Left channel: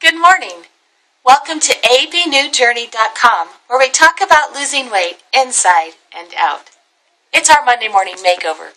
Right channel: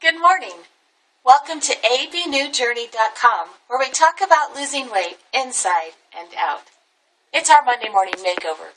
Good morning. Welcome to abnewjourney.com, where we talk about losing weight inside and out. It's our Monday morning makeover.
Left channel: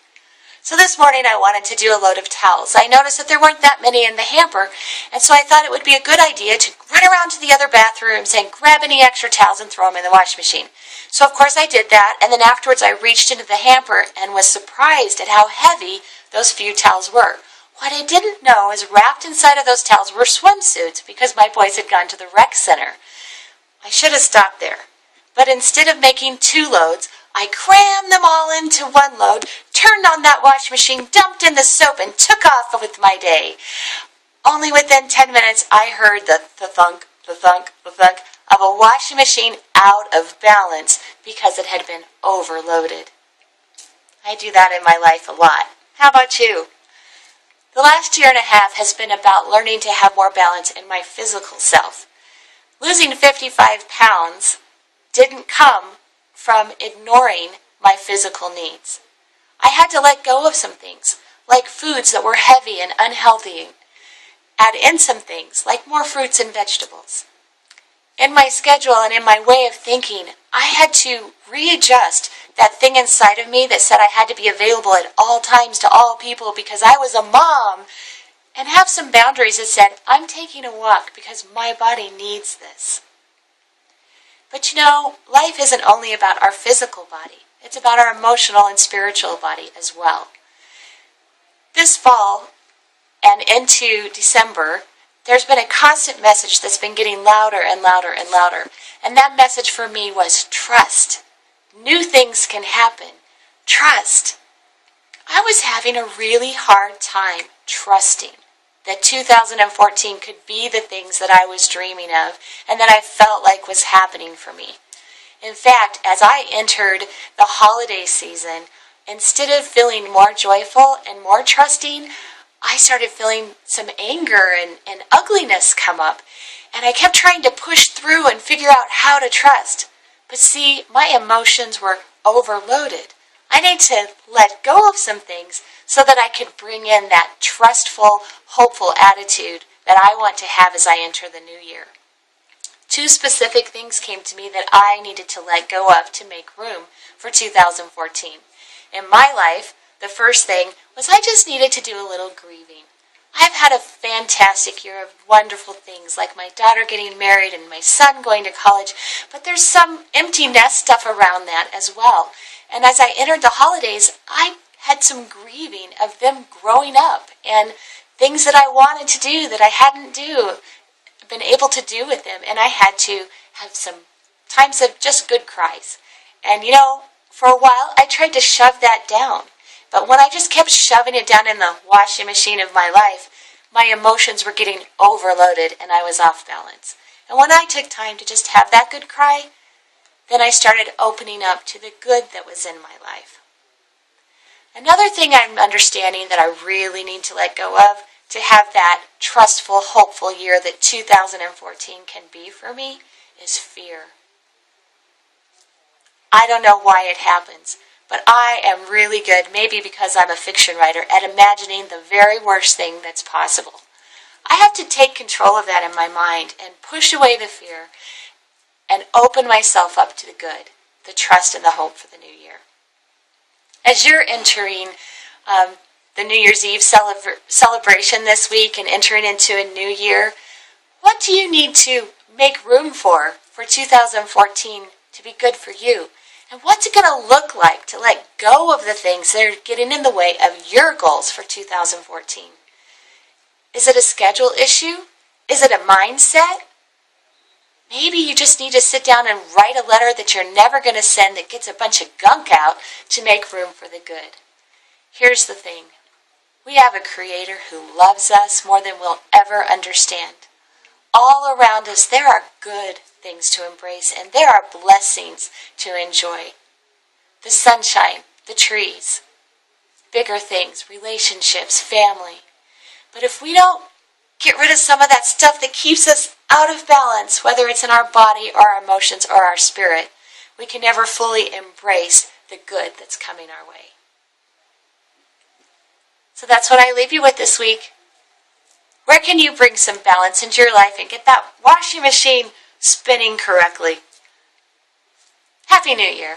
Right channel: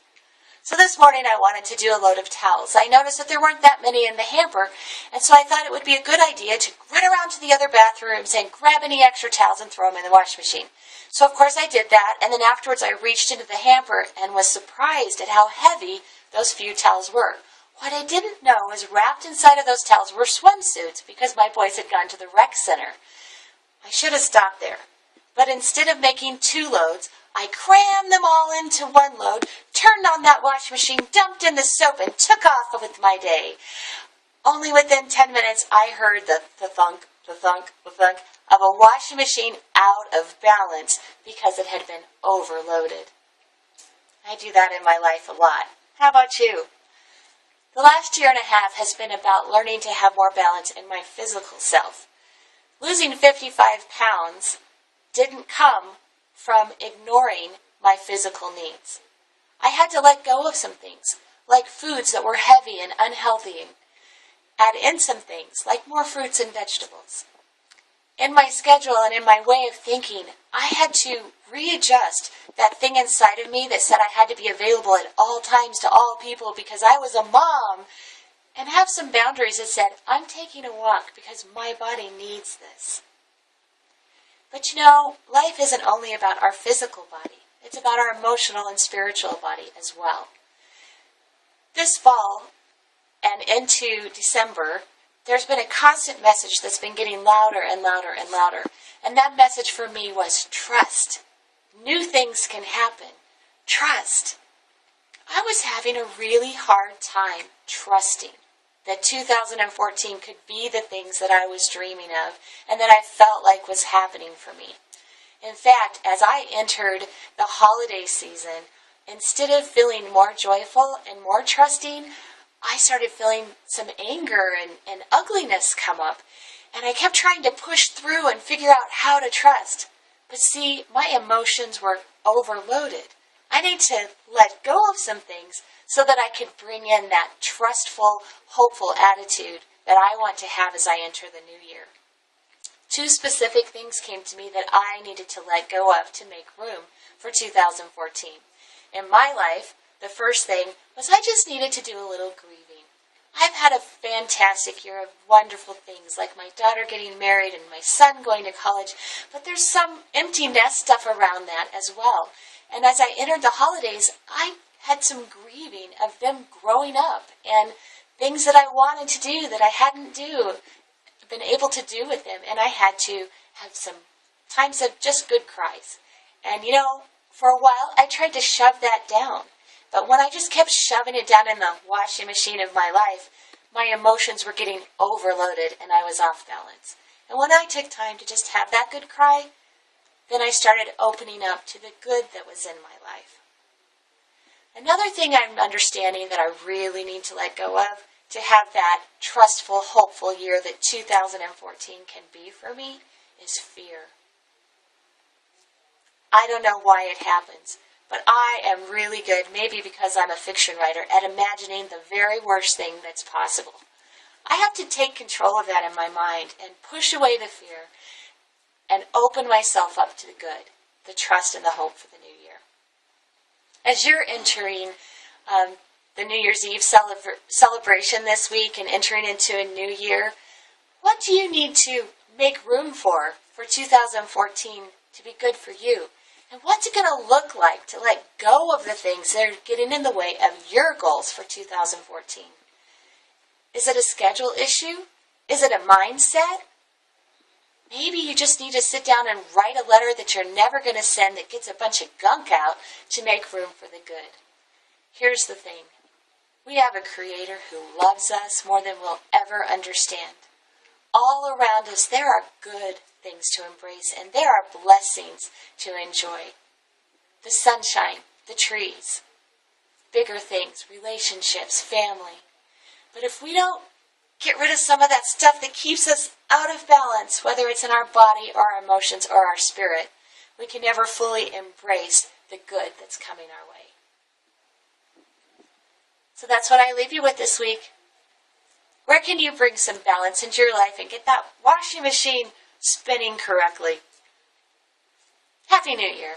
So this morning I wanted to do a load of towels. I noticed that there weren't that many in the hamper, and so I thought it would be a good idea to run around to the other bathrooms and grab any extra towels and throw them in the washing machine. So of course I did that, and then afterwards I reached into the hamper and was surprised at how heavy those few towels were. What I didn't know is wrapped inside of those towels were swimsuits because my boys had gone to the rec center. I should have stopped there. But instead of making two loads, I crammed them all into one load, turned on that washing machine, dumped in the soap, and took off with my day. Only within 10 minutes, I heard the thunk, the thunk, the thunk of a washing machine out of balance because it had been overloaded. I do that in my life a lot. How about you? The last year and a half has been about learning to have more balance in my physical self. Losing 55 pounds didn't come from ignoring my physical needs. I had to let go of some things, like foods that were heavy and unhealthy, add in some things, like more fruits and vegetables. In my schedule and in my way of thinking, I had to readjust that thing inside of me that said I had to be available at all times to all people because I was a mom, and have some boundaries that said, I'm taking a walk because my body needs this. But you know, life isn't only about our physical body. It's about our emotional and spiritual body as well. This fall and into December, there's been a constant message that's been getting louder and louder and louder. And that message for me was trust. New things can happen. Trust. I was having a really hard time trusting that 2014 could be the things that I was dreaming of and that I felt like was happening for me. In fact, as I entered the holiday season, instead of feeling more joyful and more trusting, I started feeling some anger and ugliness come up. And I kept trying to push through and figure out how to trust. But see, my emotions were overloaded. I need to let go of some things so that I could bring in that trustful, hopeful attitude that I want to have as I enter the new year. Two specific things came to me that I needed to let go of to make room for 2014. In my life, the first thing was I just needed to do a little grieving. I've had a fantastic year of wonderful things, like my daughter getting married and my son going to college, but there's some empty nest stuff around that as well. And as I entered the holidays, I had some grieving of them growing up and things that I wanted to do that I hadn't been able to do with them, and I had to have some times of just good cries. And you know, for a while I tried to shove that down. But when I just kept shoving it down in the washing machine of my life, my emotions were getting overloaded and I was off balance. And when I took time to just have that good cry, then I started opening up to the good that was in my life. Another thing I'm understanding that I really need to let go of to have that trustful, hopeful year that 2014 can be for me is fear. I don't know why it happens. But I am really good, maybe because I'm a fiction writer, at imagining the very worst thing that's possible. I have to take control of that in my mind and push away the fear and open myself up to the good, the trust and the hope for the new year. As you're entering the New Year's Eve celebration this week and entering into a new year, what do you need to make room for 2014 to be good for you? And what's it going to look like to let go of the things that are getting in the way of your goals for 2014? Is it a schedule issue? Is it a mindset? Maybe you just need to sit down and write a letter that you're never going to send that gets a bunch of gunk out to make room for the good. Here's the thing. We have a Creator who loves us more than we'll ever understand. All around us, there are good things to embrace, and there are blessings to enjoy. The sunshine, the trees, bigger things, relationships, family. But if we don't get rid of some of that stuff that keeps us out of balance, whether it's in our body or our emotions or our spirit, we can never fully embrace the good that's coming our way. So that's what I leave you with this week. Where can you bring some balance into your life and get that washing machine spinning correctly? Happy New Year!